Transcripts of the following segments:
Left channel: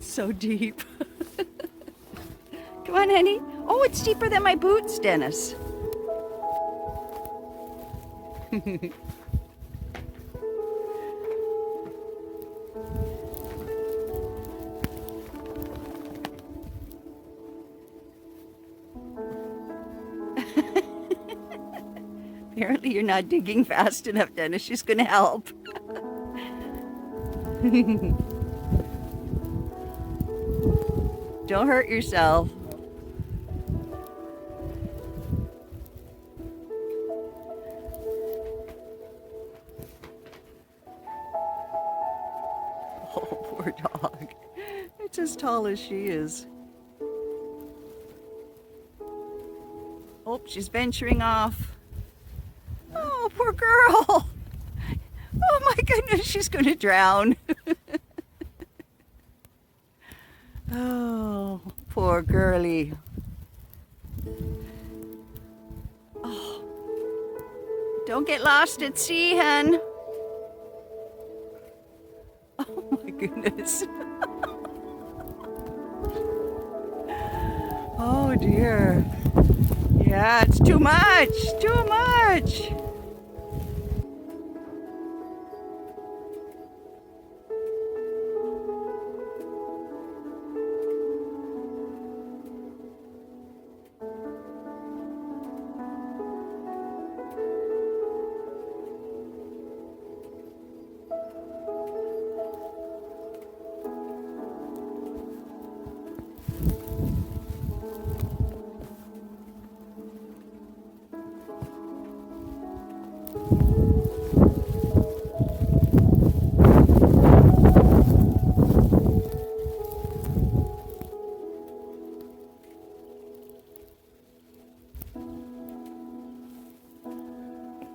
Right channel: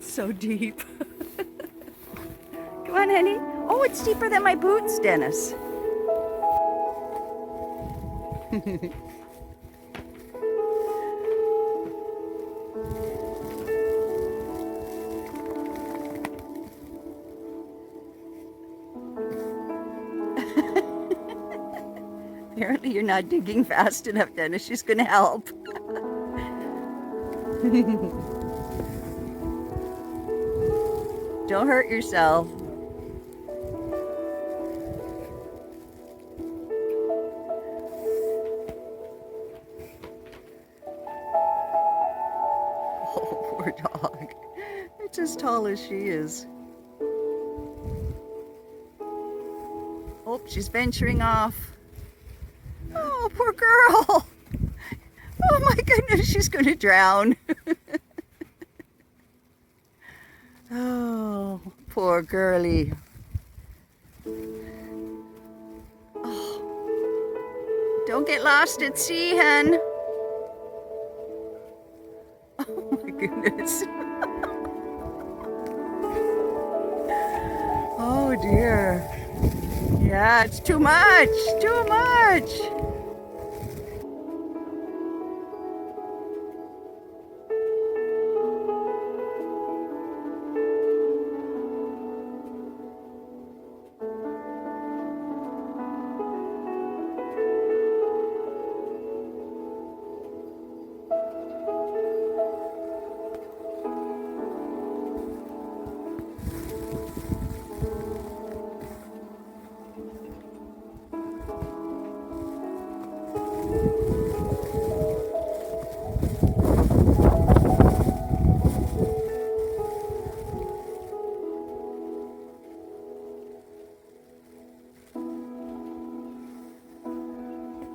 It's so deep. Come on, honey. Oh, it's deeper than my boots, Dennis. Apparently you're not digging fast enough, Dennis. She's gonna help. Don't hurt yourself. Oh, poor dog. It's as tall as she is. Oh, she's venturing off. Oh, poor girl. Oh my goodness, she's gonna drown. Oh, poor girlie. Oh, don't get lost at sea, hun. Oh my goodness. Oh dear. Yeah, it's too much, too much.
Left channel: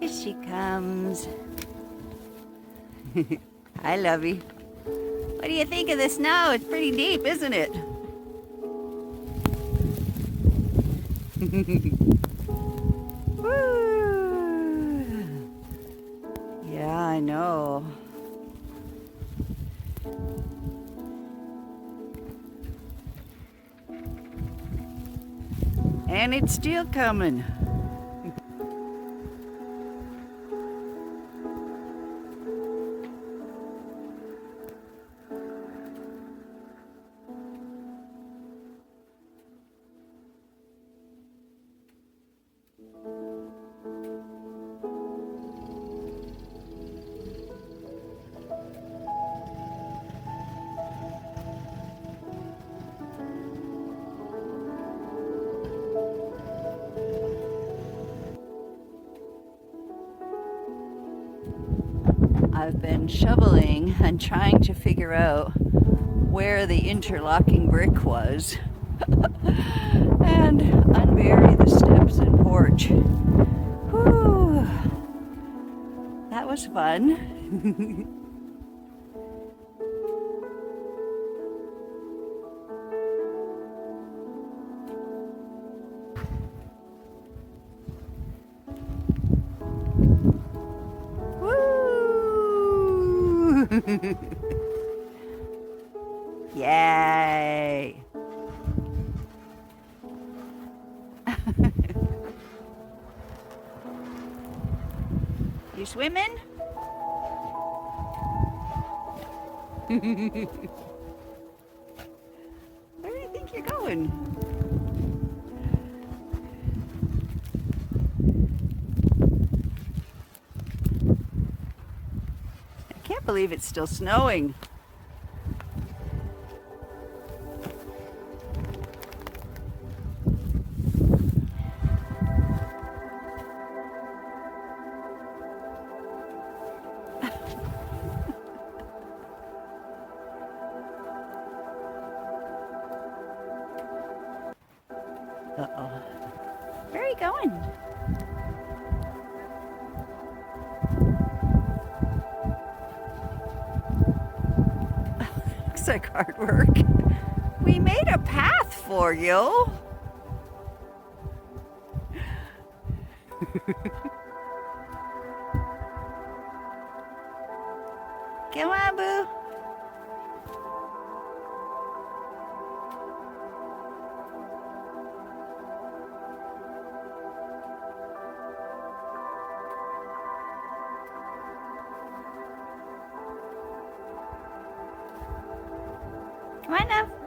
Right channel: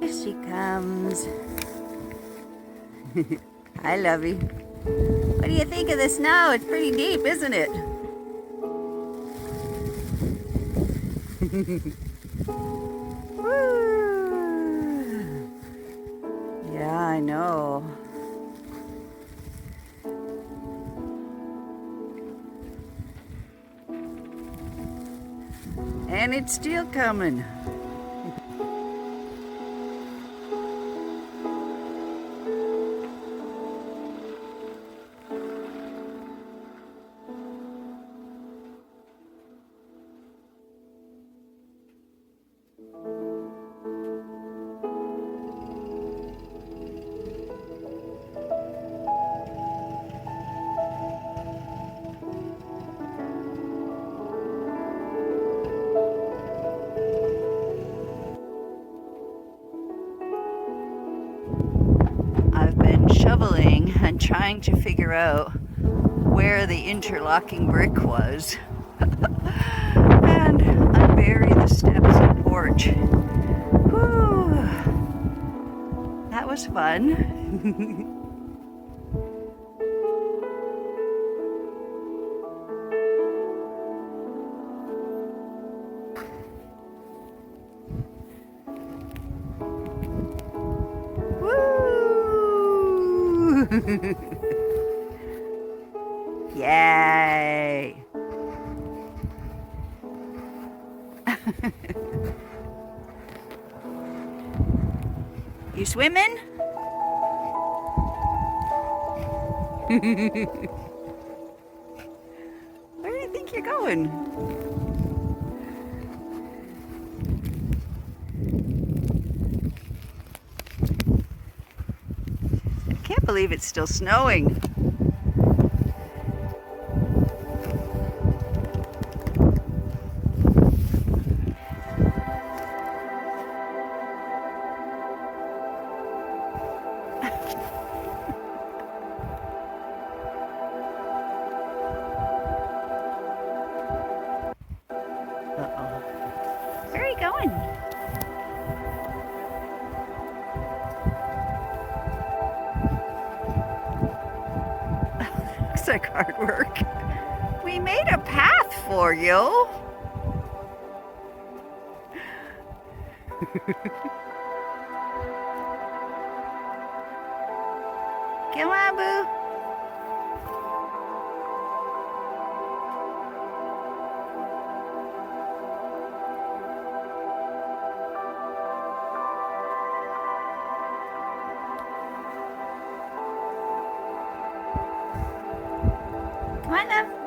Here she comes. Hi, Lovey. What do you think of the snow? It's pretty deep, isn't it? Woo! Yeah, I know. And it's still coming. I've been shoveling and trying to figure out where the interlocking brick was and unbury the steps and porch. Whew. That was fun. Yay! You swimming? Where do you think you're going? I can't believe it's still snowing. Uh-oh. Where are you going? Looks like hard work. We made a path for you. Come on, boo. Come on up.